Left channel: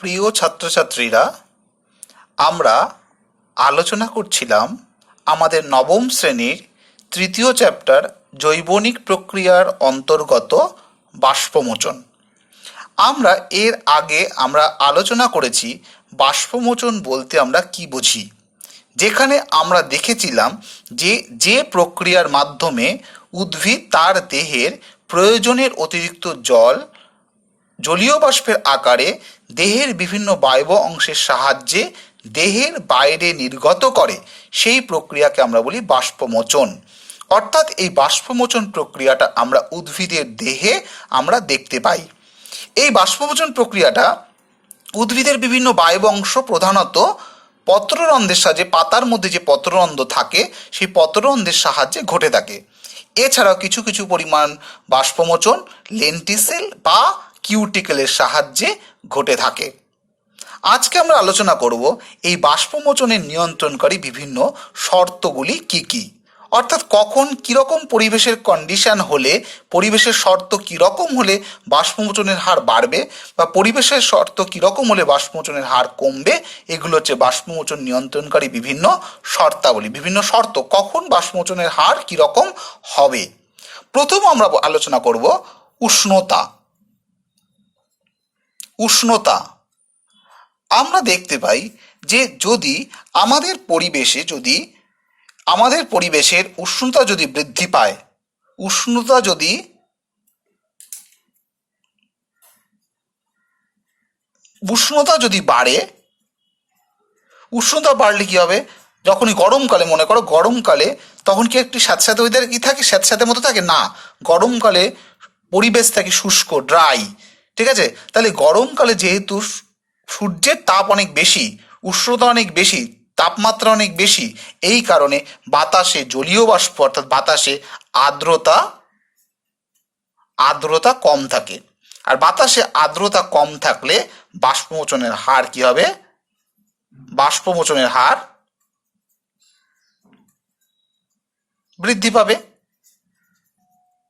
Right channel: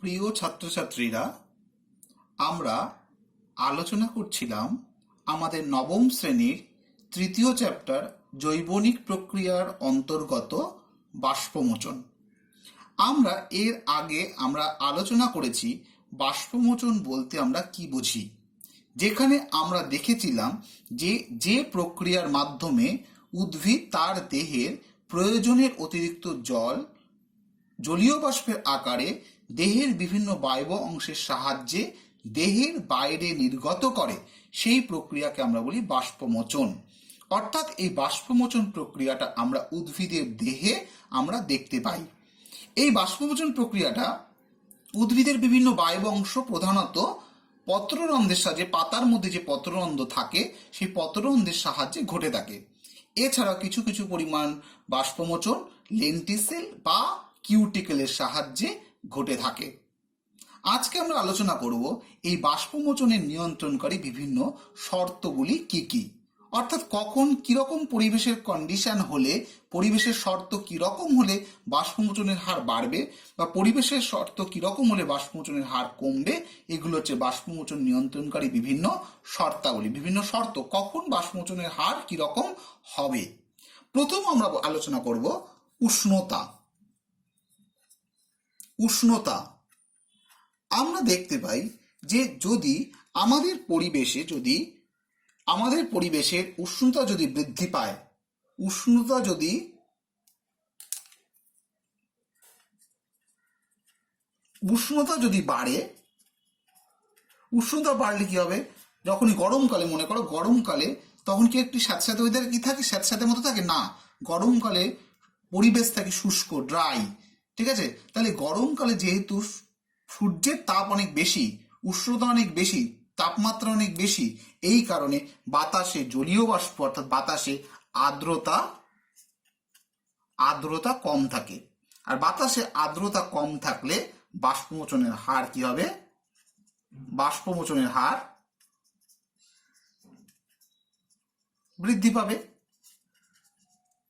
প্রিয় ছাত্রছাত্রীরা, আমরা আলোচনা করছিলাম আমাদের নবম শ্রেণীর তৃতীয় চ্যাপ্টার জৈবনিক প্রক্রিয়ার অন্তর্গত বাষ্পমোচন। আমরা এর আগে আলোচনা করেছি বাষ্পমোচন বলতে আমরা কি বুঝি, যেখানে আমরা দেখেছিলাম যে প্রক্রিয়ার মাধ্যমে উদ্ভিদ তার দেহের প্রয়োজনের অতিরিক্ত জলীয় বাষ্পের আকারে দেহের বিভিন্ন বায়ব অংশের সাহায্যে দেহের বাইরে নির্গত করে, সেই প্রক্রিয়াকে আমরা বলি বাষ্পমোচন। অর্থাৎ এই বাষ্পমোচন প্রক্রিয়াটা আমরা উদ্ভিদের দেহে আমরা দেখতে পাই। এই বাষ্পমোচন প্রক্রিয়াটা উদ্ভিদের বিভিন্ন বায়ব অংশ, প্রধানত পত্ররন্ধ্রের সাহায্যে, পাতার মধ্যে যে পত্ররন্ধ্র থাকে সেই পত্ররন্ধ্রের সাহায্যে ঘটে থাকে। এছাড়াও কিছু কিছু পরিমাণ বাষ্পমোচন লেন্টিসেল বা কিউটিকেলের সাহায্যে ঘটে থাকে। আজকে আমরা আলোচনা করব এই বাষ্পমোচনের নিয়ন্ত্রণকারী বিভিন্ন শর্তগুলি কি কি, অর্থাৎ কখন কীরকম পরিবেশের কন্ডিশন হলে, পরিবেশের শর্ত কীরকম হলে বাষ্পমোচনের হার বাড়বে বা পরিবেশের শর্ত কীরকম হলে বাষ্পমোচনের হার কমবে। এগুলো হচ্ছে বাষ্পমোচন নিয়ন্ত্রণকারী বিভিন্ন শর্তাবলী, বিভিন্ন শর্ত কখন বাষ্পমোচনের হার কীরকম হবে। প্রথম আমরা আলোচনা করব উষ্ণতা। আমরা দেখতে পাই যে যদি আমাদের পরিবেশের উষ্ণতা যদি বৃদ্ধি পায়, উষ্ণতা যদি বাড়ে, উষ্ণতা বাড়লে কি হবে, যখনই গরমকালে, মনে করো গরমকালে, তখন কি একটি স্যাঁতস্যাঁতে ওয়েদার কি থাকে, স্যাঁতস্যাঁতে মতো থাকে না, গরমকালে পরিবেশ থাকে শুষ্ক, ড্রাই, ঠিক আছে। তাহলে গরমকালে যেহেতু সূর্যের তাপ অনেক বেশি, উষ্ণতা অনেক বেশি, তাপমাত্রা অনেক বেশি, এই কারণে বাতাসে জলীয় বাষ্প অর্থাৎ বাতাসে আর্দ্রতা কম থাকে। আর বাতাসে আর্দ্রতা কম থাকলে বাষ্পমোচনের হার কি হবে, বাষ্পমোচনের হার বৃদ্ধি পাবে।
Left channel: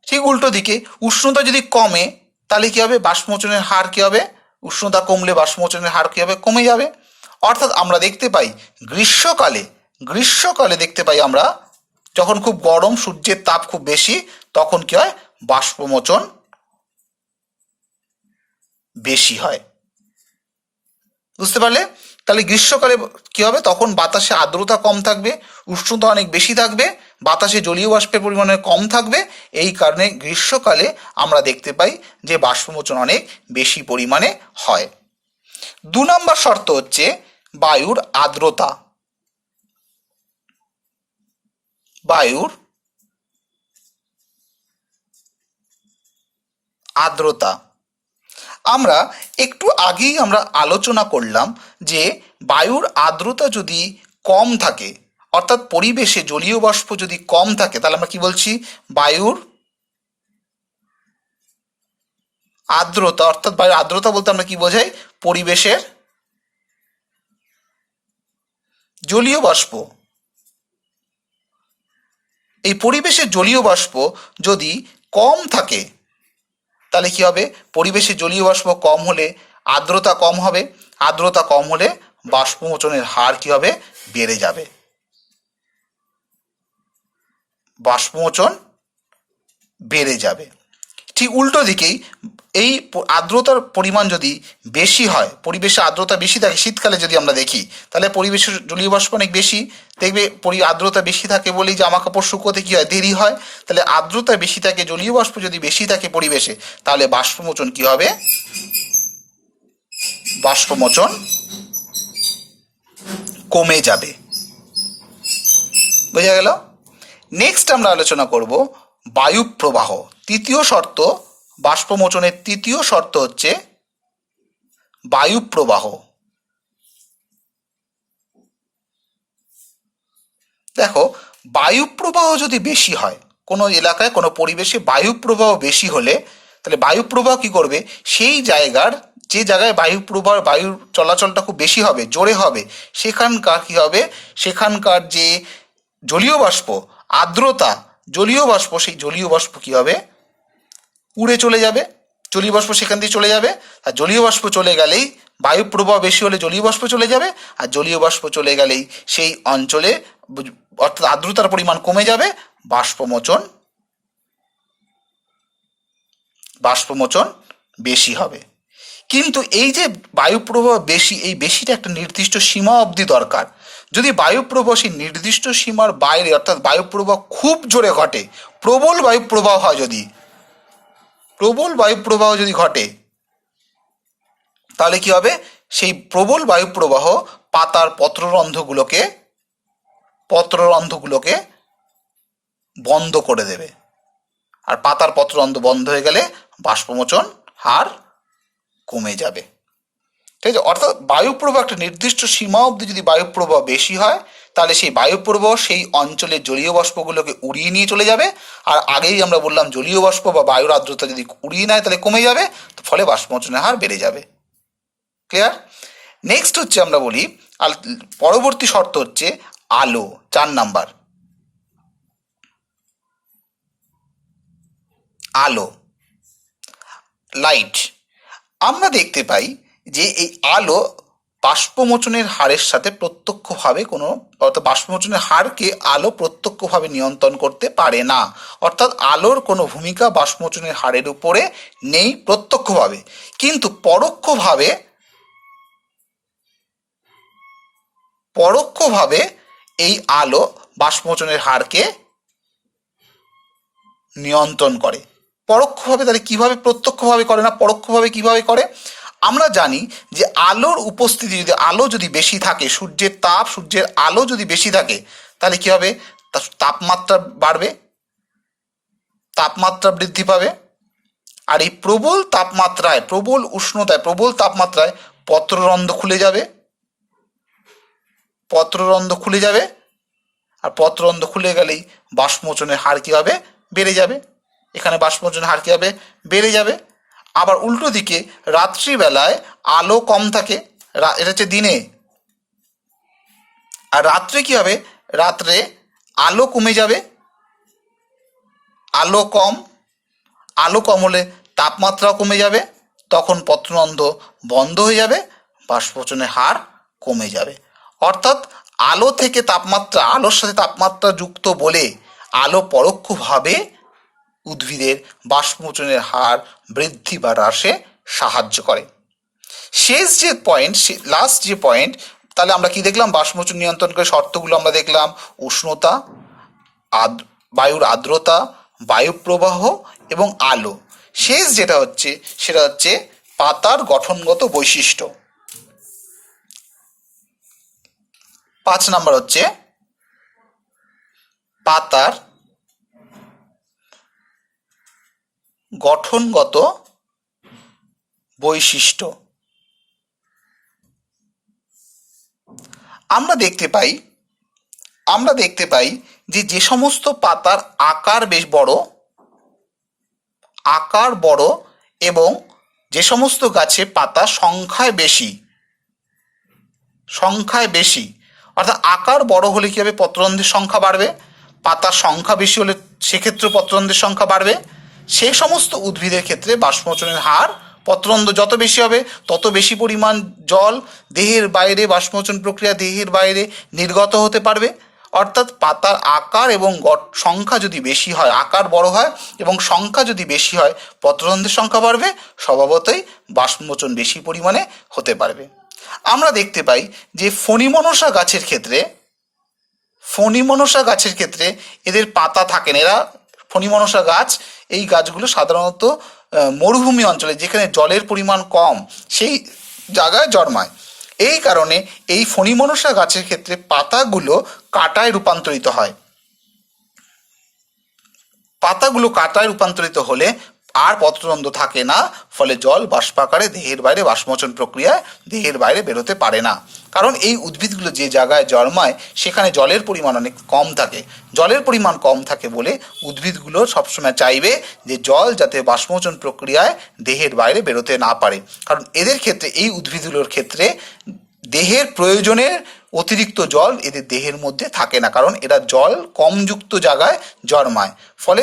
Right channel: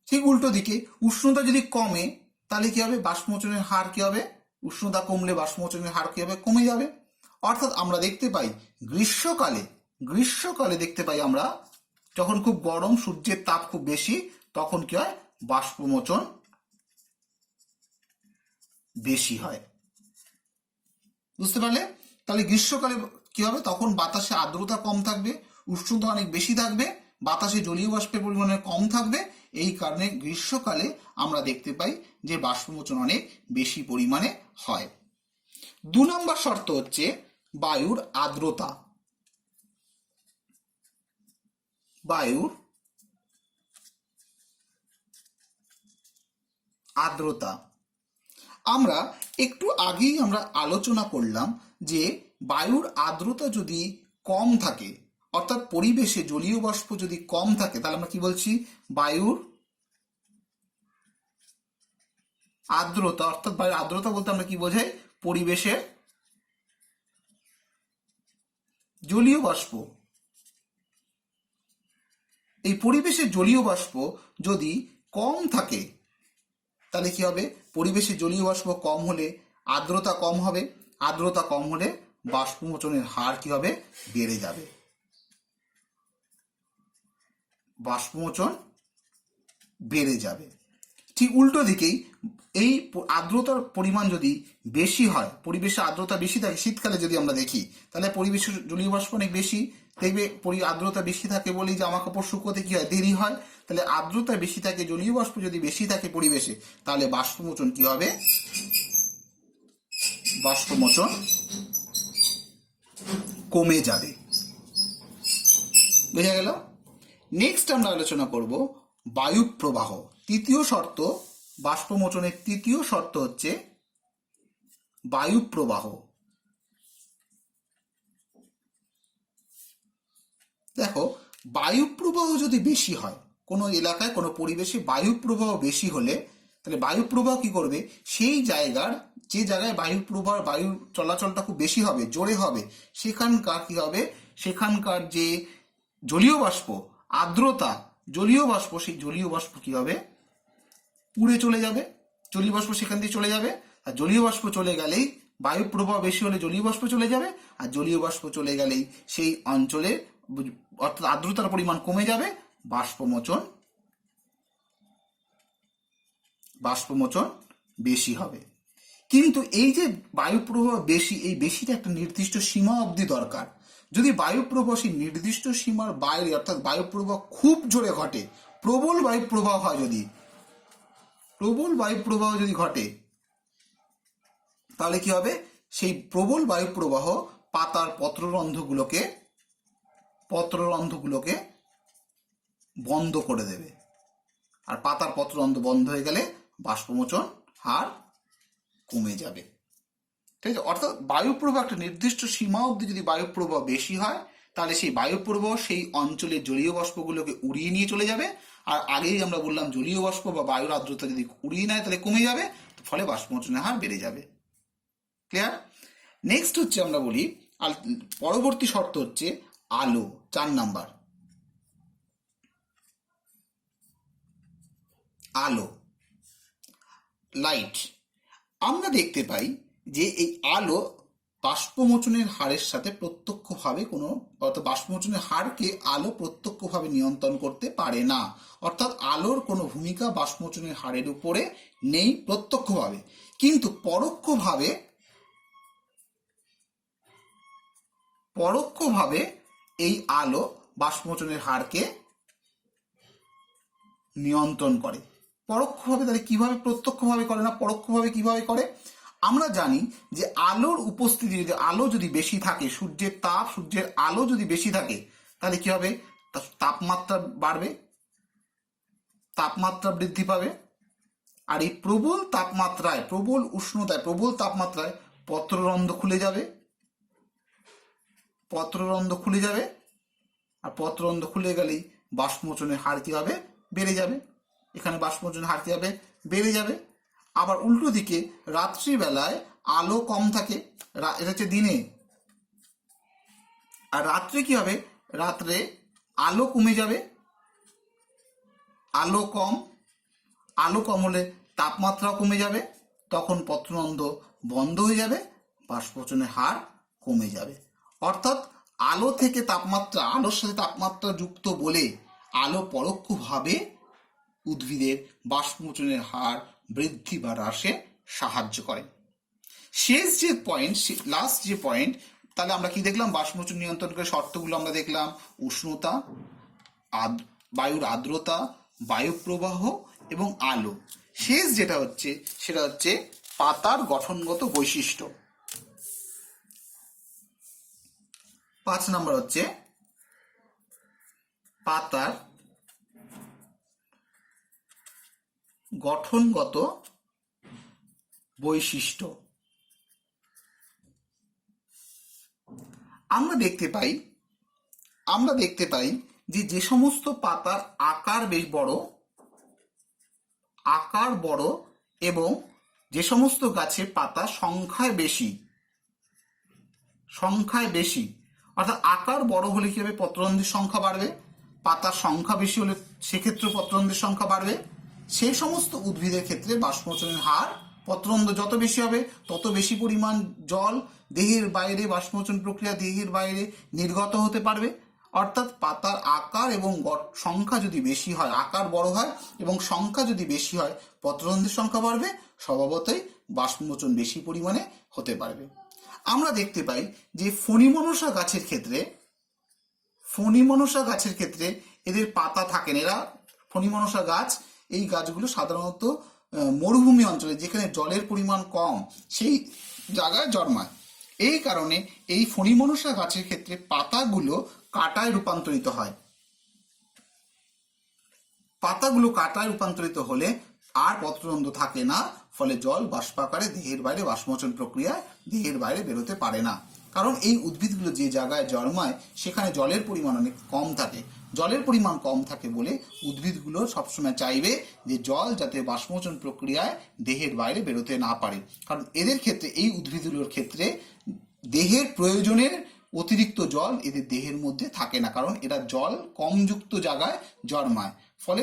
ঠিক উল্টো দিকে উষ্ণতা যদি কমে তাহলে কি হবে, বাষ্পমোচনের হার কি হবে, উষ্ণতা কমলে বাষ্পমোচনের হার কি হবে, কমে যাবে। অর্থাৎ আমরা দেখতে পাই গ্রীষ্মকালে দেখতে পাই আমরা যখন খুব গরম, সূর্যের তাপ খুব বেশি, তখন কি হয়, বাষ্পমোচন বেশি হয়। বুঝতে পারলে? তাহলে গ্রীষ্মকালে কি হবে, তখন বাতাসে আর্দ্রতা কম থাকবে, উষ্ণতা অনেক বেশি থাকবে, বাতাসে জলীয় বাষ্পের পরিমাণ কম থাকবে। এই কারণে গ্রীষ্মকালে আমরা দেখতে পাই যে বাষ্পমোচন অনেক বেশি পরিমাণে হয়। 2 নম্বর শর্ত হচ্ছে বায়ুর আর্দ্রতা। আমরা একটু আগেই আলোচনা করলাম যে বায়ুর আর্দ্রতা যদি কম থাকে, অর্থাৎ পরিবেশে জলীয় বাষ্প যদি কম থাকে, তাহলে আমরা কি বলছি, বায়ুর আর্দ্রতা। অর্থাৎ বায়ুর আর্দ্রতা বলতে আমরা কি বোঝাই, পরিবেশের জলীয় বাষ্প। এই পরিবেশের জলীয় বাষ্প যদি কম থাকে তাহলে কি হবে, পরিবেশে জলীয় বাষ্প কম হলে আর্দ্রতা কম হবে, আর্দ্রতা কম হলে বাষ্পমোচনের হার কি হবে, বেড়ে যাবে, বাষ্পমোচন বেড়ে যাবে। ঠিক উল্টো দিকেই এই আর্দ্রতার পরিমাণ যদি বেশি হয়, পরিবেশে আর্দ্রতা বেশি থাকে, শীতকালে যদি আমরা দেখি তাহলে পরিবেশের জলীয় বাষ্প অনেক বেশি, দেখবে আর্দ্রতা বেশি থাকে বলেই জামা কাপড় শুকোতে কি হয়, দেরি হয়। তাহলে আর্দ্রতা বেশি থাকে, জলীয় বাষ্প যদি বেশি থাকে পরিবেশে, তাহলে বাষ্পমোচন কি হবে, বাষ্পমোচন কমে যাবে। বোঝা গেল? নেক্সট আমরা আলোচনা করব বায়ু প্রবাহ। তৃতীয় শর্ত, বাষ্পমোচনের তৃতীয় শর্ত হচ্ছে বায়ু প্রবাহ। দেখো, বায়ু প্রবাহ যদি বেশি হয়, কোনো এলাকায় কোনো পরিবেশে বায়ু প্রবাহ বেশি হলে, তাহলে বায়ু প্রবাহ কি করবে, সেই যে জায়গায় বায়ুর চলাচলটা খুব বেশি হবে, জোরে হবে, সেখানকার কি হবে, সেখানকার যে জলীয় বাষ্প, আর্দ্রতা, জলীয় বাষ্প, সেই জলীয় বাষ্প কি হবে, উড়ে চলে যাবে। জলীয় বাষ্প সেখান দিয়ে চলে যাবে, আর জলীয় বাষ্প চলে গেলেই বায়ু প্রবাহ বেশি হলে জলীয় বাষ্প চলে যাবে, আর জলীয় বাষ্প চলে গেলেই সেই অঞ্চলে অর্থাৎ আর্দ্রতার পরিমাণ কমে যাবে, বাষ্পমোচন বেশি হবে। কিন্তু এই যে বায়ু প্রবাহ বেশি, এই বেশিটা একটা নির্দিষ্ট সীমা অবধি দরকার। যদি বায়ু প্রবাহ সেই নির্দিষ্ট সীমার বাইরে, অর্থাৎ বায়ু প্রবাহ খুব জোরে ঘটে, প্রবল বায়ু প্রবাহ হয়, প্রবল বায়ু প্রবাহ যদি ঘটে, তাহলে কি হবে, সেই প্রবল বায়ু প্রবাহ পাতার পত্ররন্ধ্রগুলোকে বন্ধ করে দেবে, আর পাতার পত্ররন্ধ্র বন্ধ হয়ে গেলে বাষ্পমোচন হার কমে যাবে। ঠিক আছে, অর্থাৎ বায়ুপ্রবাহ একটা নির্দিষ্ট সীমা অবধি যদি বায়ুপ্রবাহ বেশি হয়, তাহলে সেই বায়ুপ্রবাহ সেই অঞ্চলের জলীয় বাষ্পগুলোকে উড়িয়ে নিয়ে চলে যাবে, আর আগেই আমরা বললাম জলীয় বাষ্প বা বায়ুর আর্দ্রতা যদি উড়িয়ে নেয় তাহলে কমে যাবে, ফলে বাষ্পমোচনের হার বেড়ে যাবে। ক্লিয়ার? নেক্সট হচ্ছে আমরা বলি, পরবর্তী শর্ত হচ্ছে আলো, 4 নাম্বার। আলো, লাইট। আমরা দেখতে পাই যে এই আলো বাষ্পমোচনের হারের সাথে প্রত্যক্ষভাবে অর্থাৎ বাষ্পমোচনের হারকে আলো প্রত্যক্ষভাবে নিয়ন্ত্রণ করতে পারে না, অর্থাৎ আলোর কোনো ভূমিকা বাষ্পমোচনের হারের উপরে নেই প্রত্যক্ষভাবে, কিন্তু পরোক্ষভাবে এই আলো বাষ্পমোচনের হারকে নিয়ন্ত্রণ করে। পরোক্ষভাবে তাহলে কিভাবে, প্রত্যক্ষভাবে করে না, পরোক্ষভাবে কিভাবে করে? আমরা জানি যে আলোর উপস্থিতি, যদি আলো যদি বেশি থাকে, সূর্যের আলো যদি বেশি থাকে, তাহলে কি হবে, তাপমাত্রা বাড়বে, তাপমাত্রা বৃদ্ধি পাবে, আর এই প্রবল তাপমাত্রায়, প্রবল উষ্ণতায়, প্রবল তাপমাত্রায় পত্ররন্ধ্র খুলে যাবে, আর পত্ররন্ধ্র খুলে গেলেই বাষ্পমোচনের হার কী হবে, বেড়ে যাবে। এখানে বাষ্পমোচনের হার কী হবে, বেড়ে যাবে। আবার উল্টো দিকে রাত্রিবেলায় আলো কম থাকে, এটা হচ্ছে দিনে, আর রাত্রে কী হবে, রাত্রে আলো কমে যাবে, আলো কম হলে তাপমাত্রাও কমে যাবে, তখন পত্ররন্ধ্র বন্ধ হয়ে যাবে, বাষ্পমোচনের হার কমে যাবে। অর্থাৎ আলো থেকে তাপমাত্রা, আলোর সাথে তাপমাত্রা যুক্ত বলে আলো পরোক্ষভাবে উদ্ভিদের বাষ্পমোচনের হার বৃদ্ধি বা হ্রাসে সাহায্য করে। লাস্ট যে পয়েন্ট, তাহলে আমরা কি দেখলাম, বাষ্পমোচন নিয়ন্ত্রণ করে শর্তগুলো আমরা দেখলাম, উষ্ণতা, বায়ুর আর্দ্রতা, বায়ু প্রবাহ এবং আলো। শেষ যেটা হচ্ছে সেটা হচ্ছে পাতার গঠনগত বৈশিষ্ট্য। 5 নাম্বার হচ্ছে পাতার গঠনগত বৈশিষ্ট্য। আমরা দেখতে পাই যে সমস্ত পাতার আকার বড় এবং যে সমস্ত গাছে পাতা সংখ্যায় বেশি, অর্থাৎ আকার বড় হলে কী হবে, পত্ররন্ধ্রের সংখ্যা বাড়বে, পাতার সংখ্যা বেশি হলে সেক্ষেত্রে পত্ররন্ধ্রের সংখ্যা বাড়বে। সেই সমস্ত উদ্ভিদের ক্ষেত্রে বাষ্পমোচনের হার, পত্ররন্ধ্র যত বেশি হবে তত বেশি পরিমাণ জল দেহের বাইরে, বাষ্পমোচন প্রক্রিয়া দেহের বাইরে নির্গত হতে পারবে। অর্থাৎ পাতার আকার এবং সংখ্যা যদি বেশি হয়, আকার বড় হয় এবং সংখ্যা যদি বেশি হয়, পত্ররন্ধ্রের সংখ্যা বাড়বে, স্বভাবতই বাষ্পমোচন বেশি পরিমাণে হতে পারবে। আমরা দেখতে পাই যে ফণিমনসা গাছের ক্ষেত্রে এদের পাতা থাকে না। ফণিমনসা গাছ, এই গাছগুলো সাধারণত মরুভূমি অঞ্চলে, যেখানে জলের পরিমাণ কম, সেই জায়গায় জন্মায়। এই কারণে এই ফণিমনসা গাছের ক্ষেত্রে পাতাগুলো কাঁটায় রূপান্তরিত হয়। পাতাগুলো কাঁটায় রূপান্তরিত হলে আর পত্ররন্ধ্র থাকে না, ফলে জল বাষ্পাকারে দেহের বাইরে, বাষ্পমোচন প্রক্রিয়ায় দেহের বাইরে বেরোতে পারে না। কারণ এই উদ্ভিদগুলো যে জায়গায় জন্মায় সেখানে জলের পরিমাণ অনেক কম থাকে। জলের পরিমাণ কম থাকে বলে উদ্ভিদগুলো সবসময় চাইবে যে জল যাতে বাষ্পমোচন প্রক্রিয়ায় দেহের বাইরে বেরোতে না পারে। কারণ এদের ক্ষেত্রে, এই উদ্ভিদগুলোর ক্ষেত্রে দেহের প্রয়োজনের অতিরিক্ত জল এদের দেহের মধ্যে থাকে না, কারণ এরা জল কমযুক্ত জায়গায় জন্মায়, ফলে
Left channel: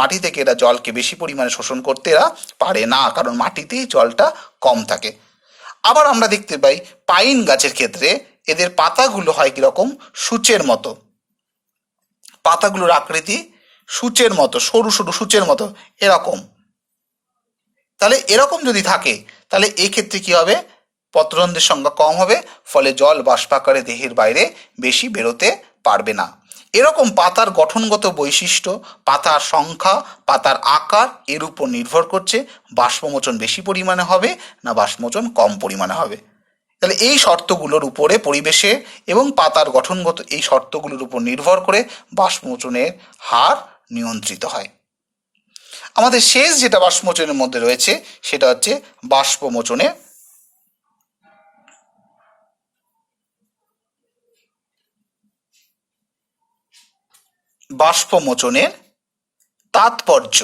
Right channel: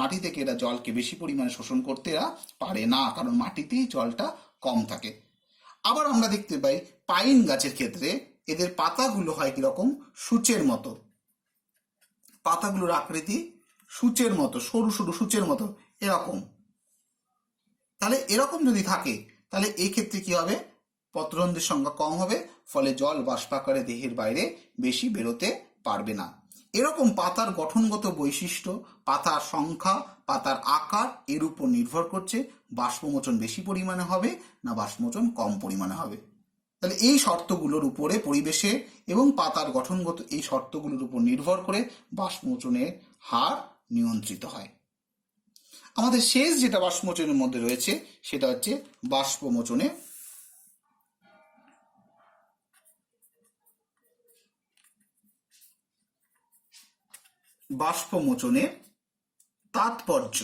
মাটি থেকে এরা জলকে বেশি পরিমাণে শোষণ করতে এরা পারে না, কারণ মাটিতেই জলটা কম থাকে। আবার আমরা দেখতে পাই পাইন গাছের ক্ষেত্রে এদের পাতাগুলো হয় কীরকম, সূচের মতো, পাতাগুলোর আকৃতি সূচের মতো, সরু সরু সূচের মতো এরকম। তাহলে এরকম যদি থাকে তাহলে এক্ষেত্রে কী হবে, পত্ররন্ধ্রের সংখ্যা কম হবে, ফলে জল বাষ্পাকারে দেহের বাইরে বেশি বেরোতে পারবে না। এরকম পাতার গঠনগত বৈশিষ্ট্য, পাতার সংখ্যা, পাতার আকার এর উপর নির্ভর করছে বাষ্পমোচন বেশি পরিমাণে হবে না বাষ্পমোচন কম পরিমাণে হবে। তাহলে এই শর্তগুলোর উপরে, পরিবেশে এবং পাতার গঠনগত এই শর্তগুলোর উপর নির্ভর করে বাষ্পমোচনের হার নিয়ন্ত্রিত হয়। আমাদের শেষ যেটা বাষ্পমোচনের মধ্যে রয়েছে সেটা হচ্ছে বাষ্পমোচনের তাৎপর্য।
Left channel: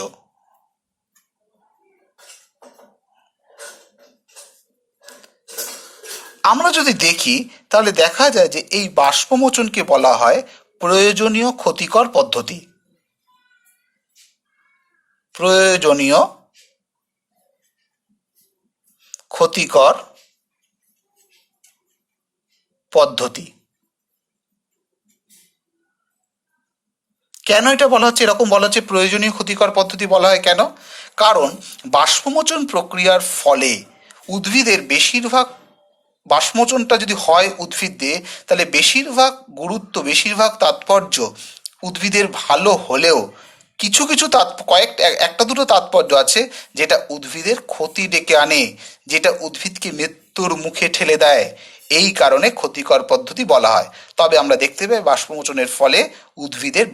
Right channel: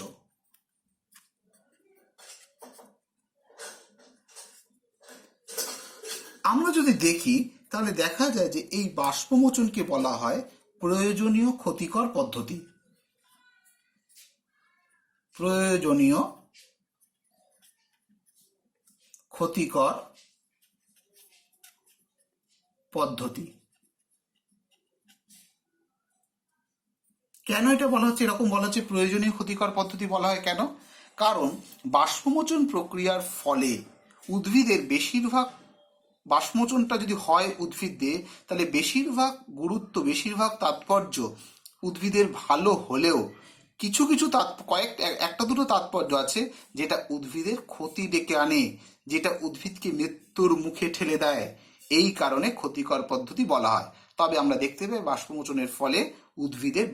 আমরা যদি দেখি তাহলে দেখা যায় যে এই বাষ্পমোচনকে বলা হয় প্রয়োজনীয় ক্ষতিকর পদ্ধতি। প্রয়োজনীয় ক্ষতিকর পদ্ধতি। কেন এটা বলা হচ্ছে, এরকম বলা হচ্ছে প্রয়োজনীয় ক্ষতিকর পদ্ধতি বলা হয় কেন? কারণ বাষ্পমোচন প্রক্রিয়ার ফলে উদ্ভিদের বেশিরভাগ, বাষ্পমোচনটা যদি হয় উদ্ভিদ দিয়ে, তাহলে বেশিরভাগ গুরুত্ব, বেশিরভাগ তাৎপর্য উদ্ভিদের ভালো হলেও কিছু কিছু একটা দুটো তাৎপর্য আছে যেটা উদ্ভিদের ক্ষতি ডেকে আনে, যেটা উদ্ভিদকে মৃত্যুর মুখে ঠেলে দেয়। এই কারণে ক্ষতিকর পদ্ধতি বলা হয়। তবে আমরা দেখতে পাই বাষ্পমোচনের ফলে উদ্ভিদের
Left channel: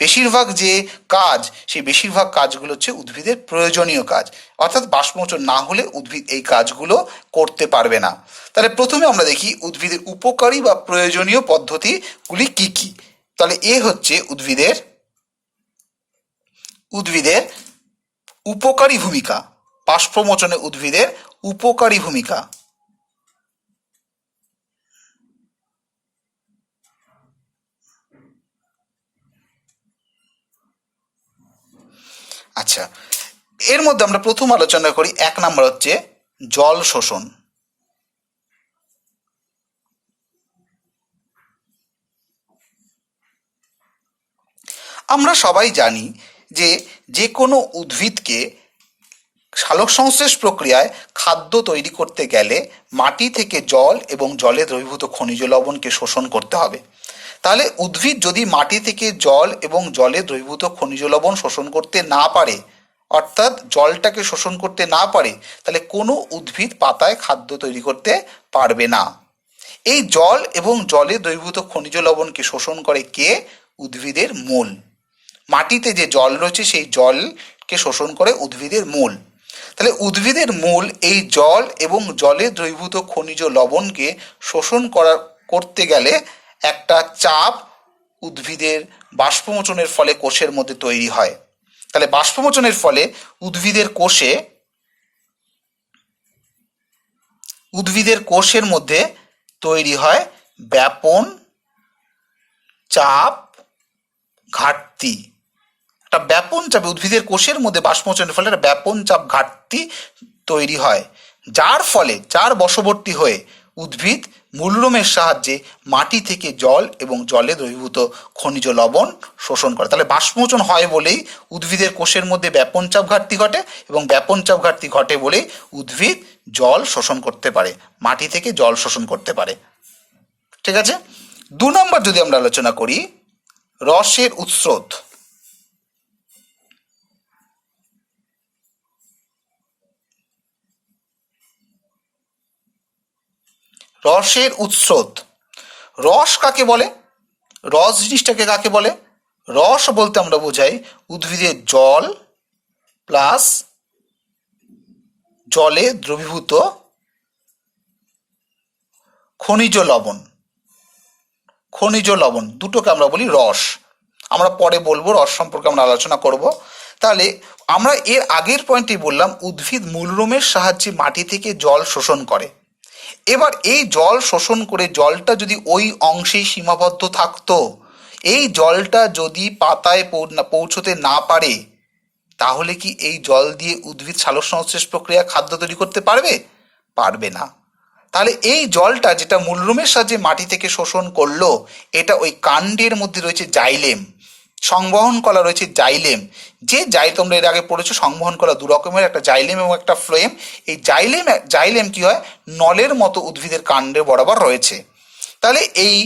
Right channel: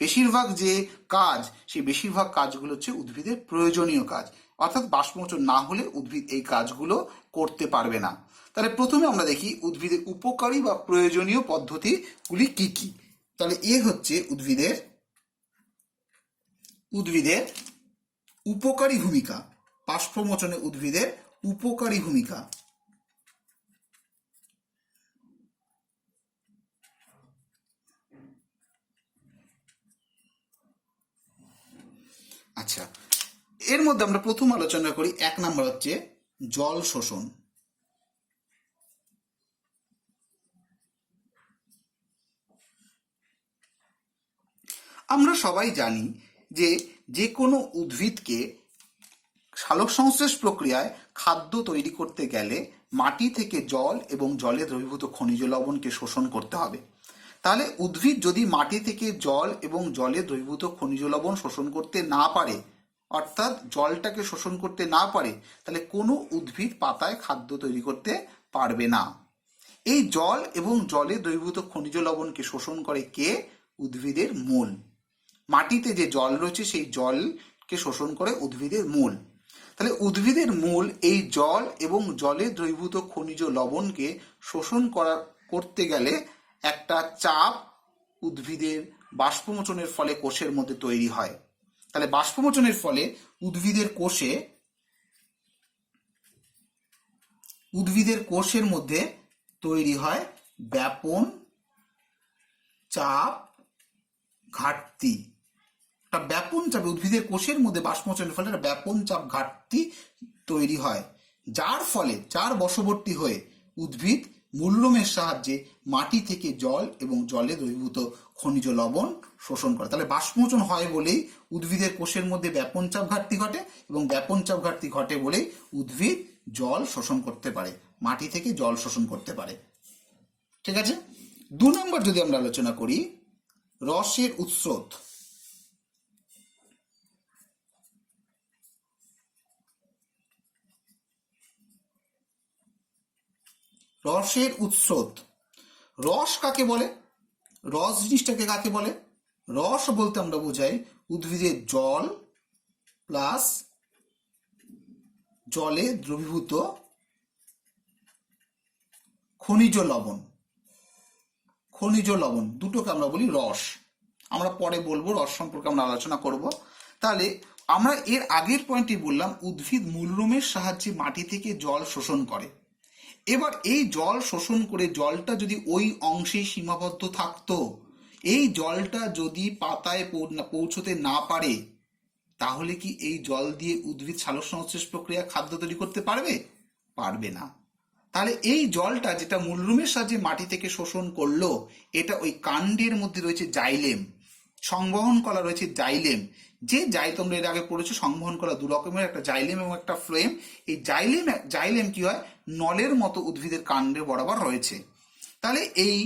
বেশিরভাগ যে কাজ, সেই বেশিরভাগ কাজগুলো হচ্ছে উদ্ভিদের প্রয়োজনীয় কাজ, অর্থাৎ বাষ্পমোচন না হলে উদ্ভিদ এই কাজগুলো করতে পারবে না। তাহলে প্রথমে আমরা দেখি উদ্ভিদের উপকারী বা প্রয়োজনীয় পদ্ধতিগুলি কি কি। তাহলে এ হচ্ছে উদ্ভিদের উপকারী ভূমিকা, বাষ্পমোচনে উদ্ভিদের উপকারী ভূমিকা। আচ্ছা, এর মধ্যে আমরা প্রথম আলোচনা করি, 1 নম্বর হচ্ছে জল শোষণ। আমরা সবাই জানি যে যে কোনো উদ্ভিদকে সালোকসংশ্লেষ প্রক্রিয়ায় খাদ্য তৈরি করতে গেলে মাটি থেকে জল এবং জলে দ্রবীভূত খনিজ লবণকে শোষণ করতে হবে। তাহলে উদ্ভিদ যদি মাটি থেকে জল এবং জলে দ্রবীভূত খনিজ লবণ শোষণ করতে না পারে, অর্থাৎ জলটাকে শোষণ করতে না পারে, তাহলে কোনো উদ্ভিদ পাতায় খাদ্য তৈরি করতে পারবে না। এই জল এবং জলে দ্রবীভূত খনিজ লবণকে শোষণ করে কে? উদ্ভিদের মূল। মাটিতে যে জল রয়েছে সেই জলকে শোষণ করে উদ্ভিদের মূল। তাহলে উদ্ভিদের মূল এই জল এবং জলে দ্রবীভূত খনিজ লবণকে শোষণ করতে গেলে একটা চাপ উদ্ভিদের বাষ্পমোচনের ফলে কোষের মধ্যে তৈরি হয়। তাহলে বাষ্পমোচনের ফলে উদ্ভিদের কোষের মধ্যে তৈরি হয় ব্যাপন চাপ ঘাটতি। একটা ব্যাপন চাপ উদ্ভিদের কোষের মধ্যে বাষ্পমোচনের ফলে একটা ব্যাপন চাপ ঘাটতি তৈরি হয়, যার বশবর্তী হয়ে উদ্ভিদ মূলরোমের সাহায্যে মাটি থেকে জল এবং জলে দ্রবীভূত খনিজ লবণ শোষণ করে। তাহলে বাষ্পমোচন হয় বলেই উদ্ভিদের কোষের মধ্যে ব্যাপন চাপ ঘাটতি ঘটে, এবং ব্যাপন চাপ ঘাটতি ঘটে বলেই উদ্ভিদ জল শোষণ করতে পারে, মাটি থেকে জল শোষণ করতে পারে। ঠিক আছে। 2 নম্বর যদি আমরা আলোচনা করি, রসের উৎস্রোত। রসের উৎস্রোত, রস কাকে বলে? রস জিনিসটাকে কাকে বলে? রস বলতে আমরা বোঝাই উদ্ভিদের জল প্লাস জলে দ্রবীভূত খনিজ লবণ দুটোকে আমরা বলি রস। আমরা পরে বলবো, রস সম্পর্কে আমরা আলোচনা করব। তাহলে আমরা এর আগের পয়েন্টে বললাম উদ্ভিদ মূলরোমের সাহায্যে মাটি থেকে জল শোষণ করে। এবার এই জল শোষণ করে জলটা যদি ওই অংশেই সীমাবদ্ধ থাকতো, এই জলটা যদি পাতায় পৌঁছতে না পারে, তাহলে কি এই জল দিয়ে উদ্ভিদ সালোক সংশ্লেষ প্রক্রিয়া খাদ্য তৈরি করতে পারবে? পারবে না। তাহলে এই জলটা যেটা মূলরুমের সাহায্যে মাটি থেকে শোষণ করলো, এটা ওই কাণ্ডের মধ্যে রয়েছে জাইলেম, সংবহন কলা রয়েছে জাইলেম। যে তোমরা এর আগে পড়েছো সংবহন কলা দু রকমের, একটা জাইলেম এবং একটা ফ্লোয়েম। এই জাইলেম কি হয়, নলের মতো উদ্ভিদের কাণ্ডে বরাবর রয়েছে। তাহলে এই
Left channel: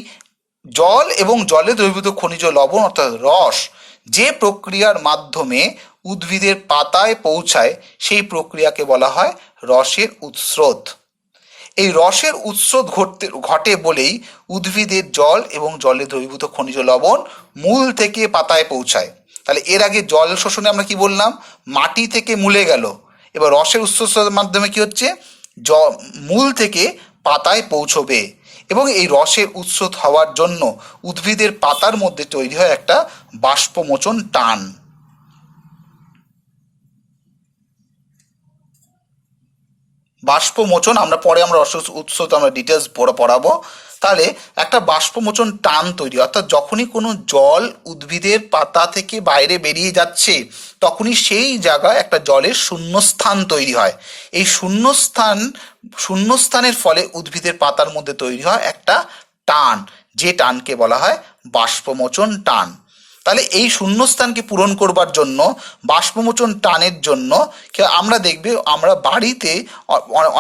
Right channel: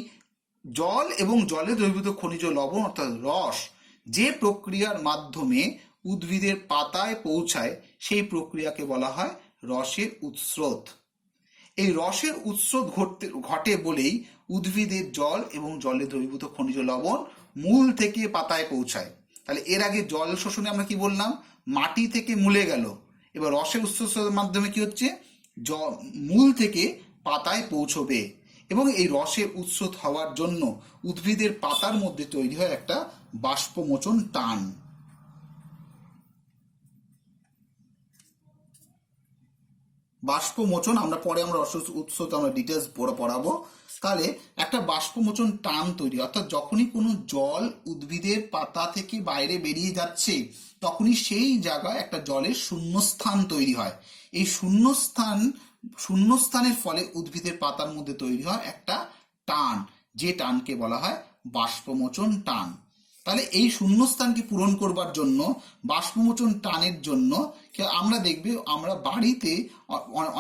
জল এবং জলে দ্রবীভূত খনিজ লবণ অর্থাৎ রস যে প্রক্রিয়ার মাধ্যমে উদ্ভিদের পাতায় পৌঁছায়, সেই প্রক্রিয়াকে বলা হয় রসের উৎস্রোত। এই রসের উৎস্রোত ঘটে বলেই উদ্ভিদের জল এবং জলে দ্রবীভূত খনিজ লবণ মূল থেকে পাতায় পৌঁছায়। তাহলে এর আগে জল শোষণে আমরা কি বললাম, মাটি থেকে মূলে গেল। এবার রসের উৎস্রোতের মাধ্যমে কি হচ্ছে, মূল থেকে পাতায় পৌঁছবে, এবং এই রসের উৎস্রোত হওয়ার জন্য উদ্ভিদের পাতার মধ্যে তৈরি হয় একটা বাষ্পমোচন টান। বাষ্পমোচন আমরা রসের উৎস্রোত আমরা ডিটেলস পড়াবো। তাহলে একটা বাষ্পমোচন টান তৈরি, অর্থাৎ যখনই কোনো জল উদ্ভিদের পাতা থেকে বাইরে বেরিয়ে যাচ্ছে, তখনই সেই জায়গায় একটা জলের শূন্যস্থান তৈরি হয়। এই শূন্যস্থানের ফলে উদ্ভিদের পাতার মধ্যে তৈরি হয় একটা টান, যে টানকে বলা হয় বাষ্পমোচন টান। তাহলে এই শূন্যস্থানকে পূরণ করবার জন্য, বাষ্পমোচন টানের জন্য আমরা দেখবে আমরা বাড়িতে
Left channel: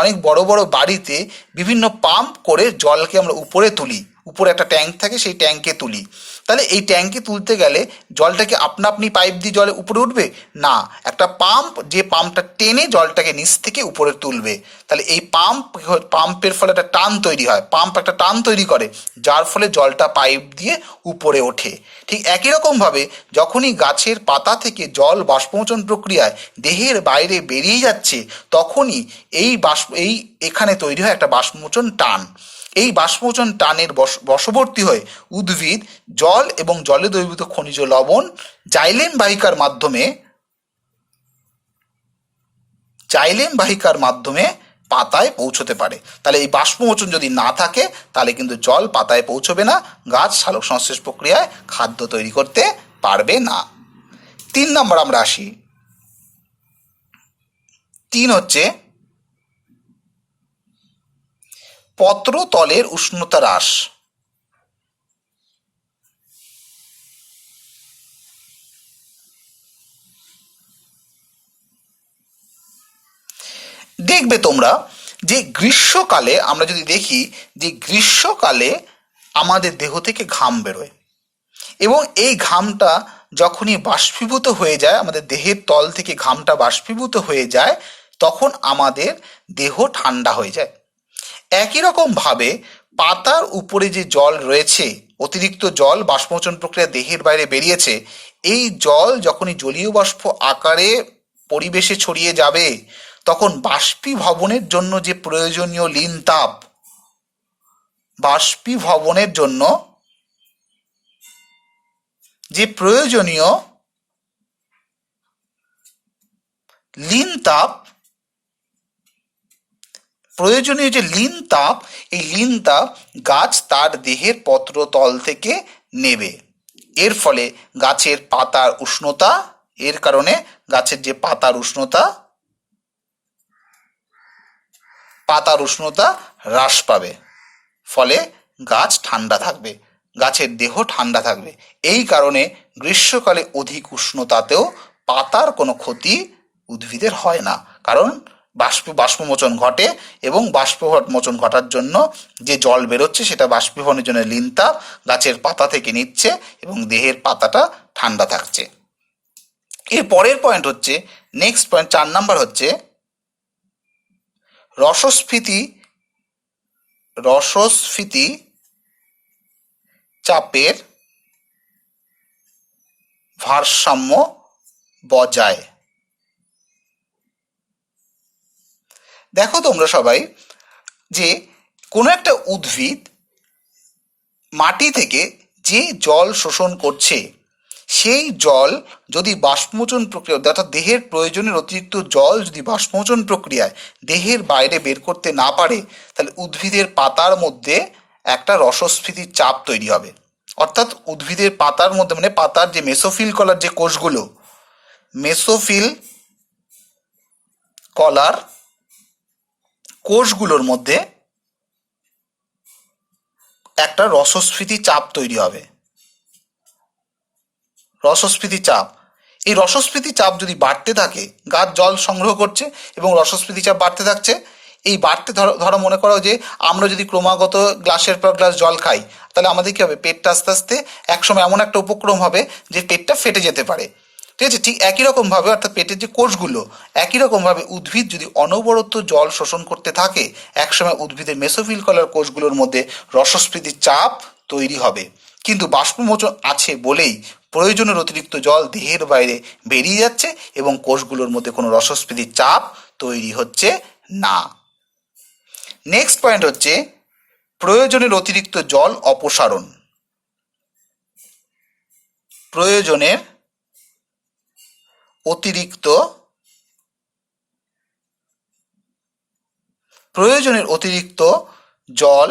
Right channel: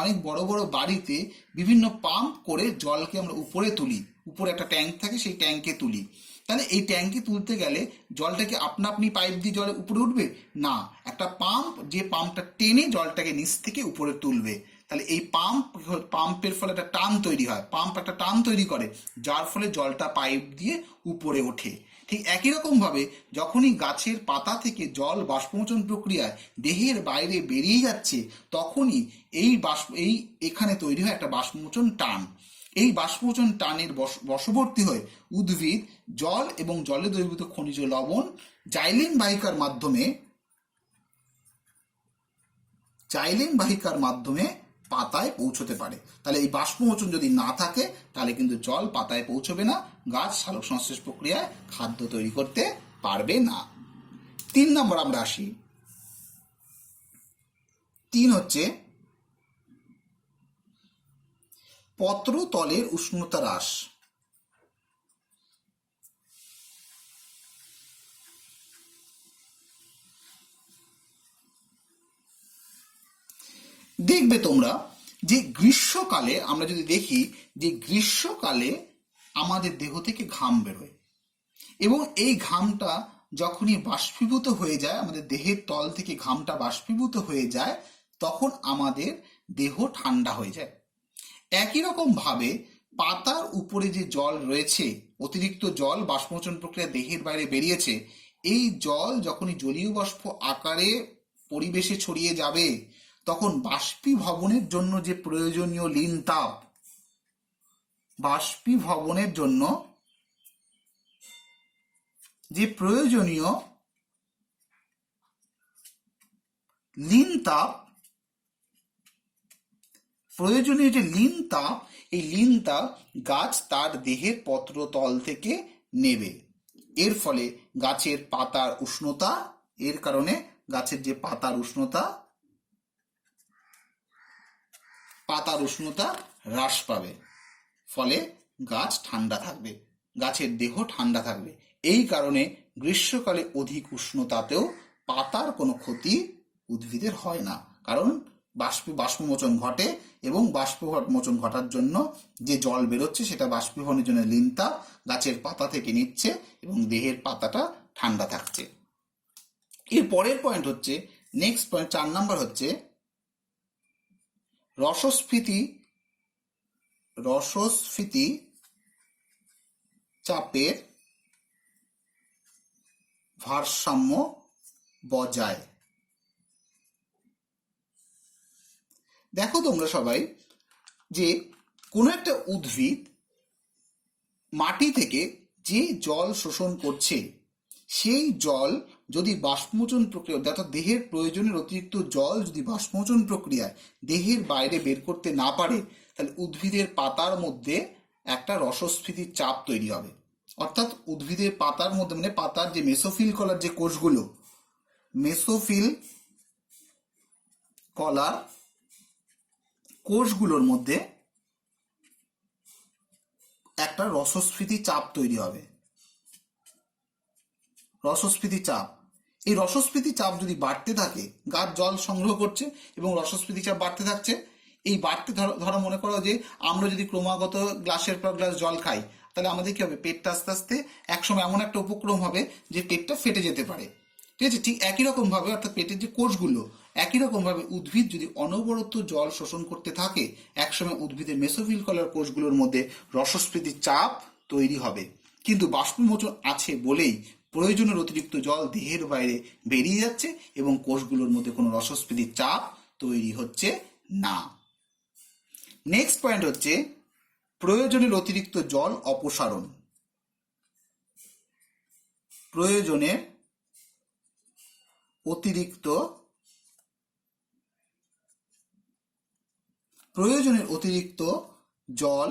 অনেক বড় বড় বাড়িতে বিভিন্ন পাম্প করে জলকে আমরা উপরে তুলি, উপরে একটা ট্যাঙ্ক থাকে, সেই ট্যাঙ্কে তুলি। তাহলে এই ট্যাঙ্কে তুলতে গেলে জলটাকে আপনি পাইপ দিয়ে জলে উপরে উঠবে না, একটা পাম্প, যে পাম্পটা টেনে জলটাকে নিচ থেকে উপরে তুলবে। তাহলে এই পাম্পের ফলে একটা টান তৈরি হয়, পাম্প একটা টান তৈরি করে, যার ফলে জলটা পাইপ দিয়ে উপরে ওঠে। ঠিক একই রকমভাবে যখনই গাছের পাতা থেকে জল বাষ্পমোচন প্রক্রিয়ায় দেহের বাইরে বেরিয়ে যাচ্ছে, তখনই এখানে তৈরি হয় একটা বাষ্পমোচন টান। এই বাষ্পমোচন টানের বশবর্তী হয়ে উদ্ভিদ জল এবং জলে দ্রবীভূত খনিজ লবণ জাইলেম বাহিকার মাধ্যমে পাতায় পৌঁছতে পারে। তাহলে এই বাষ্পমোচন যদি না থাকে, তাহলে কিন্তু জল পাতায় পৌঁছবে না, গাছ সালোক সংশ্লেষ প্রক্রিয়ায় খাদ্য তৈরি করতে পারবে না। 3 নম্বর আমরা আসি। 3 হচ্ছে পত্রতলের উষ্ণতা হ্রাস। দেখবে তোমরা যে গ্রীষ্মকালে, আমরা যদি দেখি যে গ্রীষ্মকালে আমাদের দেহ থেকে ঘাম বেরোয়, এবং এই ঘামটা যখনই বাষ্পীভূত হয়ে যায়, আমাদের দেহের তল থেকে ঘামটা বাষ্পীভূত হয়ে যায়, তখন আমাদের দেহ ঠান্ডা হয়ে যায়। একই রকমভাবে পাতার উপরে যে জল রয়েছে, অতিরিক্ত জল বাষ্পমোচন প্রক্রিয়া দেহের বাইরে বেরিয়েছে, এই জল যখনই জলীয় বাষ্প আকারে পরিবেশে ছড়িয়ে যাবে, তখন বাষ্পীভবনের জন্য যে প্রয়োজনীয় লিন তাপ, বাষ্পীভবনের জন্য যে প্রয়োজনীয় যে লিন তাপ, এই লিন তাপ গাছ তার দেহের পত্রতল থেকে নেবে। এর ফলে গাছের পাতার উষ্ণতা, এর কারণে গাছের যে পাতার উষ্ণতা হ্রাস পাবে, ফলে গাছ ঠান্ডা থাকবে, গাছের দেহ ঠান্ডা থাকবে। এই কারণে গ্রীষ্মকালে অধিক উষ্ণতাতেও পাতার কোনো ক্ষতি উদ্ভিদের হয় না, কারণ বাষ্পমোচন ঘটে, এবং বাষ্পমোচন ঘটার জন্য যে জল বেরোচ্ছে সেটা বাষ্পীভবনের জন্য লিন তাপ গাছের পাতা থেকে নিচ্ছে, এবং দেহের পাতাটা ঠান্ডা থাকছে। এর পরের পয়েন্ট হচ্ছে, নেক্সট পয়েন্ট 4 নাম্বার হচ্ছে রসস্ফীতি চাপের ভারসাম্য বজায়। দেখো তোমরা সবাই যে কোনো একটা উদ্ভিদ মাটি থেকে যে জল শোষণ করছে, সেই জল যদি বাষ্পমোচন প্রক্রিয়া অর্থাৎ দেহের প্রয়োজনের অতিরিক্ত জল যদি বাষ্পমোচন প্রক্রিয়ায় দেহের বাইরে বের করতে না পারে, তাহলে উদ্ভিদের পাতার মধ্যে একটা রসস্ফীতির চাপ তৈরি হবে। অর্থাৎ উদ্ভিদের পাতার মধ্যে মানে পাতার যে মেসোফিল কলার যে কোষগুলো, মেসোফিল কলার কোষগুলোর মধ্যে একটা রসস্ফীতি চাপ তৈরি হবে। রসস্ফীতি চাপ, এই রসস্ফীতি চাপ যদি বাড়তে থাকে, গাছ জল সংগ্রহ করছে এবং রসস্ফীতি চাপ বাড়তে থাকছে, এই বাড়তে ধরো মনে করো যে আমরা যদি ক্রমাগত গ্লাসের পর গ্লাস জল খাই, তাহলে আমাদের কী হবে, পেটটা আস্তে আস্তে একসময় এমন একটা উপক্রম হবে যে পেটটা ফেটে যেতে পারে। ঠিক আছে, ঠিক একই রকমভাবে অর্থাৎ পেটের যে কোষগুলো, একই রকমভাবে উদ্ভিদ যদি অনবরত জল শোষণ করতে থাকে, একসময় উদ্ভিদের মেসোফিল কলার কোষগুলোর মধ্যে রসস্ফীতির চাপ তৈরি হবে। কিন্তু বাষ্পমোচন আছে বলেই প্রয়োজনের অতিরিক্ত জল দেহের বাইরে বেরিয়ে যাচ্ছে এবং কোষগুলোর মধ্যে কোনো রসস্ফীতির চাপ তৈরি হচ্ছে না। নেক্সট পয়েন্ট হচ্ছে প্রয়োজনের অতিরিক্ত জল অপসারণ। প্রয়োজনের অতিরিক্ত জল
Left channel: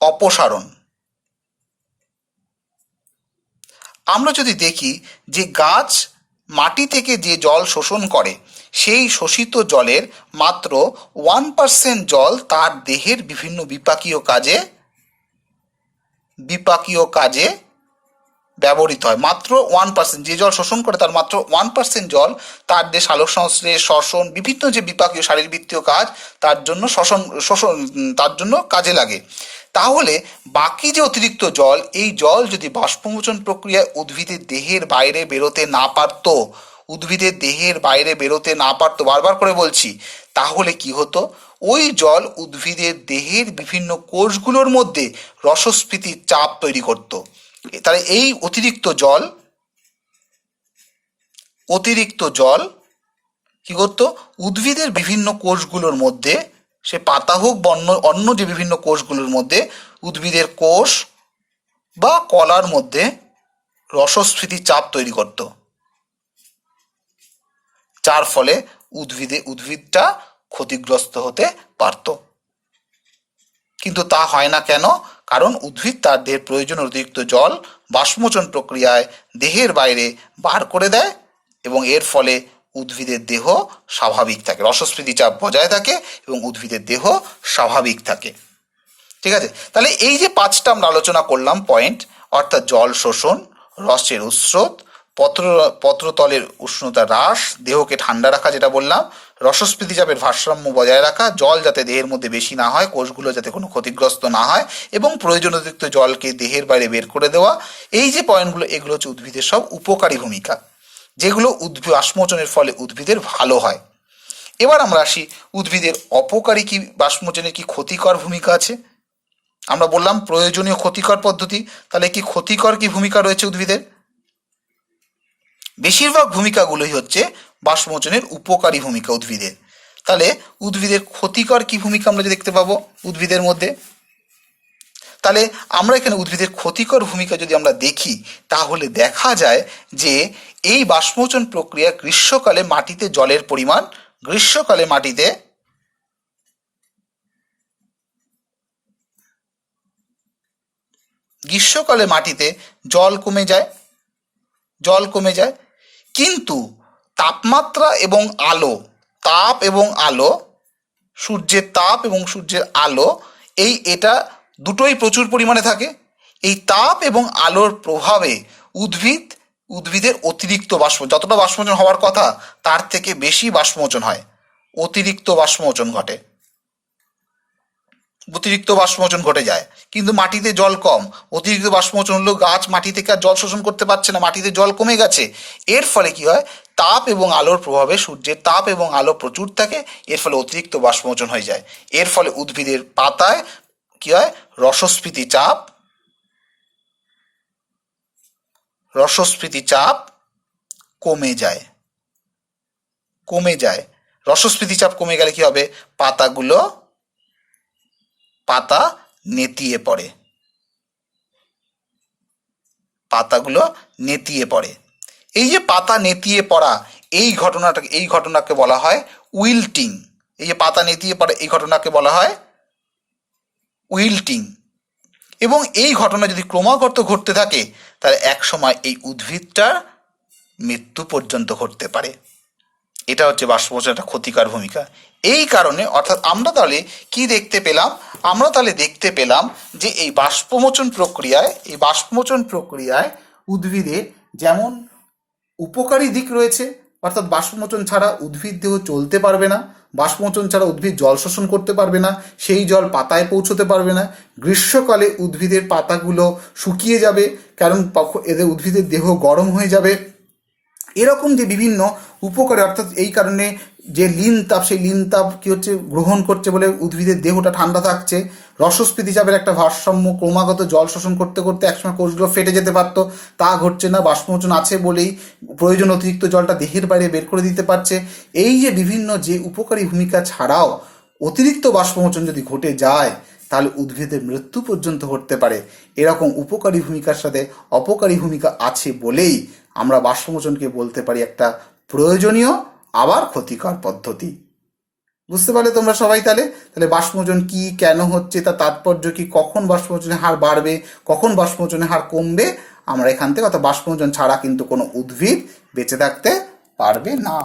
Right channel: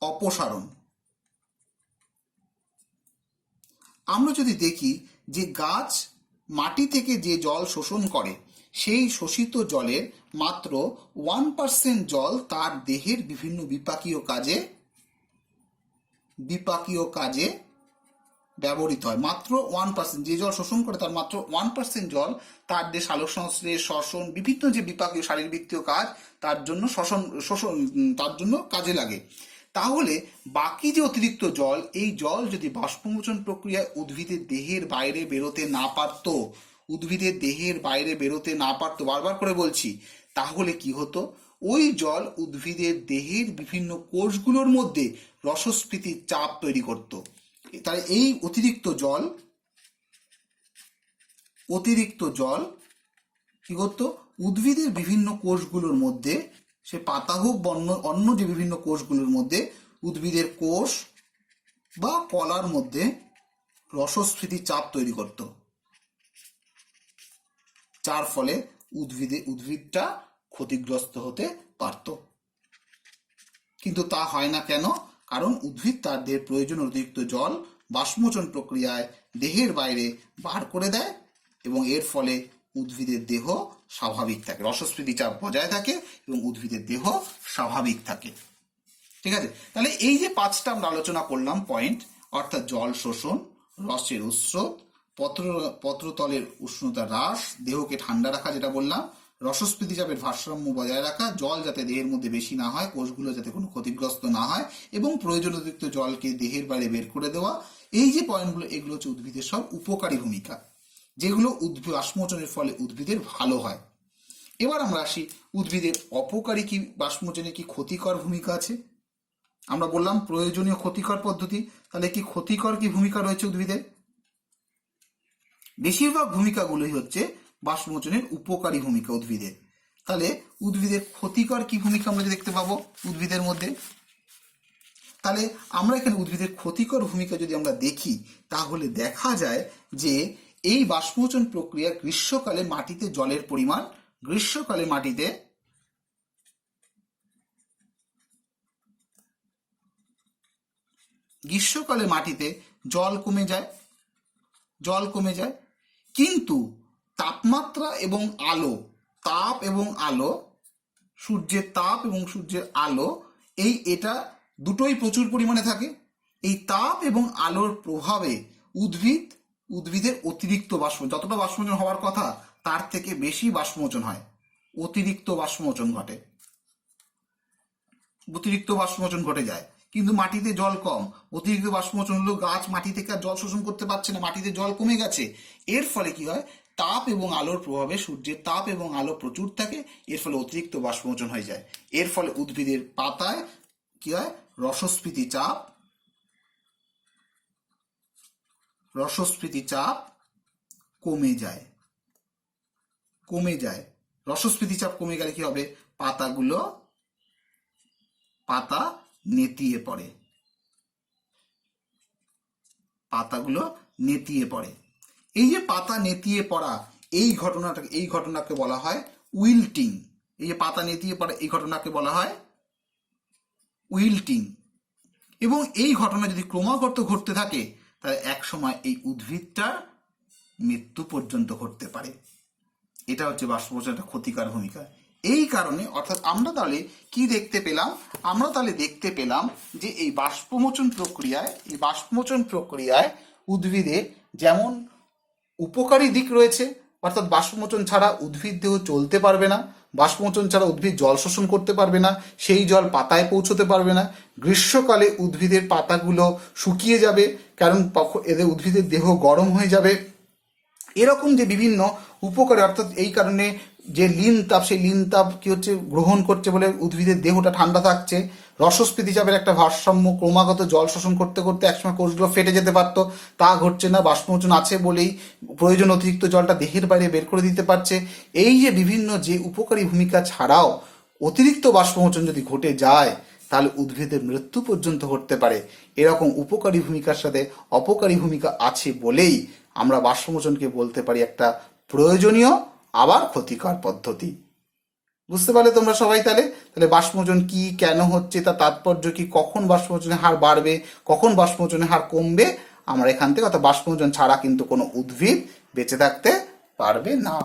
অপসারণ। আমরা যদি দেখি যে গাছ মাটি থেকে যে জল শোষণ করে, সেই শোষিত জলের মাত্র 1% জল তার দেহের বিভিন্ন বিপাকীয় কাজে ব্যবহৃত হয়। মাত্র 1%, যে জল শোষণ করে তার মাত্র 1% জল তার দেহ সালোকসংশ্লেষ, শ্বসন, বিভিন্ন যে বিপাকীয় শারীরবৃত্তীয় কাজ তার জন্য তার জন্য কাজে লাগে। তাহলে বাকি যে অতিরিক্ত জল, এই জল যদি বাষ্পমোচন প্রক্রিয়ায় উদ্ভিদের দেহের বাইরে বেরোতে না পারতো, বারবার করে বলছি, তাহলে কি হতো, ওই জল উদ্ভিদের দেহের বিভিন্ন কোষগুলোর মধ্যে রসস্ফীতির চাপ তৈরি করত। তাহলে এই অতিরিক্ত জল কি করতো, উদ্ভিদের বিভিন্ন কোষগুলোর মধ্যে, সে পাতা হোক বা অন্য যে বিভিন্ন কোষগুলোর মধ্যে, উদ্ভিদের কোষ বা কলার মধ্যে রসস্ফীতি চাপ তৈরি করত, যার ফলে উদ্ভিদটা ক্ষতিগ্রস্ত হতে পারত। কিন্তু তা হয় না কেন? কারণ উদ্ভিদ তার দেহের প্রয়োজনীয় অতিরিক্ত জল বাষ্পমোচন প্রক্রিয়ায় দেহের বাইরে বার করে দেয় এবং এর ফলে উদ্ভিদের দেহ স্বাভাবিক থাকে, রসস্ফীতি চাপ বজায় থাকে এবং উদ্ভিদের দেহ স্বাভাবিক থাকে। ঠিক আছে, তাহলে এই যে 5টা আমরা আলোচনা করলাম পয়েন্ট, অর্থাৎ জল শোষণ, রসের উৎস্রোত, পত্রতলের উষ্ণতা হ্রাস, দেহকে ঠান্ডা রাখা যেটা বললাম, রসস্ফীতি চাপের ভারসাম্য বজায় রাখা, জল যাতে দেহের মধ্যে বেশি না হয়, কোষগুলো যাতে কোনো ক্ষতিগ্রস্ত না হয় এবং প্রয়োজন অতিরিক্ত জলকে দেহের বাইরে বের করে দেওয়া, এই যে পয়েন্টগুলো, এগুলো হচ্ছে উদ্ভিদের সব উপকারী ভূমিকা, যেগুলো বাষ্পমোচনের ফলে উদ্ভিদের ভালো হয়। এবার আমরা আসি উদ্ভিদের অপকারী কি বাষ্পমোচনের কি ক্ষতিকর ভূমিকা আছে। আমরা বললাম প্রয়োজনীয় ক্ষতিকর পদ্ধতি, তাহলে কি ক্ষতিকর কি ভূমিকা রয়েছে উদ্ভিদের? বেশিরভাগ ভূমিকাগুলোই হচ্ছে বাষ্পমোচনের উপকারী ভূমিকা উদ্ভিদের। তাহলে উদ্ভিদের ক্ষতিকর কি ভূমিকা আমরা দেখতে পাবো উদ্ভিদের মধ্যে? তাহলে আমরা এখানে উদ্ভিদের ক্ষতিকর ভূমিকা যদি আমরা দেখি, তাহলে দেখা যায় যে এই বাষ্পমোচন প্রক্রিয়া গ্রীষ্মকালে মাটিতে জল কমে যায়, কিন্তু তাপমাত্রা এবং আলো, সূর্যের তাপ এবং সূর্যের আলো, এটা দুটোই প্রচুর পরিমাণে থাকে। এই তাপ এবং আলোর প্রভাবে উদ্ভিদের অতিরিক্ত যতটা বাষ্পমোচন হওয়ার কথা তার থেকে বেশি বাষ্পমোচন হয়, অতিরিক্ত বাষ্পমোচন ঘটে যায়। কিন্তু মাটিতে জল কম, অতিরিক্ত বাষ্পমোচন হলেও গাছ মাটি থেকে আর জল শোষণ করতে পারছে না, মাটিতে জল কমে গেছে। এর ফলে কি হয়, তাপ এবং আলোর প্রভাবে, সূর্যের তাপ এবং আলো প্রচুর থাকে, এর ফলে অতিরিক্ত বাষ্পমোচন হয়ে যায়। এর ফলে উদ্ভিদের পাতায় কি হয়, রসস্ফীতি চাপ কমে যায়। রসস্ফীতি চাপ কমে গেলে কি হবে, পাতা নেতিয়ে পড়ে। পাতাগুলো নেতিয়ে পড়ে। এই যে পাতা নেতিয়ে পড়া, এই ঘটনাকে বলা হয় উইল্টিং। এই যে পাতা নেতিয়ে পড়ে, এই ঘটনাকে বলা হয় উইল্টিং। এবং এই ঘটনা যদি ক্রমাগত ঘটতে থাকে তাহলে এক সময় এই উদ্ভিদটার মৃত্যু পর্যন্ত ঘটতে পারে। এটা হচ্ছে বাষ্পমোচনের একটা ক্ষতিকর ভূমিকা। এই কারণে অর্থাৎ আমরা তাহলে কি দেখতে পেলাম? আমরা তাহলে দেখতে পেলাম যে এই বাষ্পমোচন প্রক্রিয়ায় উদ্ভিদের যেমন উপকারী দিক রয়েছে, অর্থাৎ বাষ্পমোচন ছাড়া উদ্ভিদ দেহ চলতে পারবে না, বাষ্পমোচন ছাড়া উদ্ভিদ জল শোষণ করতে পারবে না, সেই জল পাতায় পৌঁছতে পারবে না, গ্রীষ্মকালে উদ্ভিদের পাতাগুলো শুকিয়ে যাবে, কারণ এদের উদ্ভিদের দেহ গরম হয়ে যাবে। এরকম যে বিভিন্ন উপকারে, অর্থাৎ এই কারণে যে লিন তাপ, সেই লিন তাপ কি হচ্ছে গ্রহণ করছে বলে উদ্ভিদের দেহটা ঠান্ডা থাকছে। রসস্ফীতি চাপের একটা ভারসাম্য, ক্রমাগত জল শোষণ করতে করতে একসময় কোষগুলো ফেটে যেতে পারতো, তা ঘটছে না, বাষ্পমোচন আছে বলেই প্রয়োজন অতিরিক্ত জলটা দেহের বাইরে বের করে দিতে পারছে। এই যে বিভিন্ন যে উপকারী ভূমিকা ছাড়াও অতিরিক্ত বাষ্পমোচন যদি ঘটে যায় তাহলে উদ্ভিদের মৃত্যু পর্যন্ত ঘটতে পারে। এরকম উপকারী ভূমিকার সাথে অপকারী ভূমিকা আছে বলেই আমরা বাষ্পমোচনকে বলতে পারি একটা প্রয়োজনীয় আবার ক্ষতিকর পদ্ধতি। বুঝতে পারলে তোমরা সবাই? তাহলে বাষ্পমোচন কি, কেন হচ্ছে, তার তাৎপর্য কি, কখন বাষ্পমোচনের হার বাড়বে, কখন বাষ্পমোচনের হার কমবে, আমরা এখান থেকে, অর্থাৎ বাষ্পমোচন ছাড়া কিন্তু কোনো উদ্ভিদ বেঁচে থাকতে পারবে না।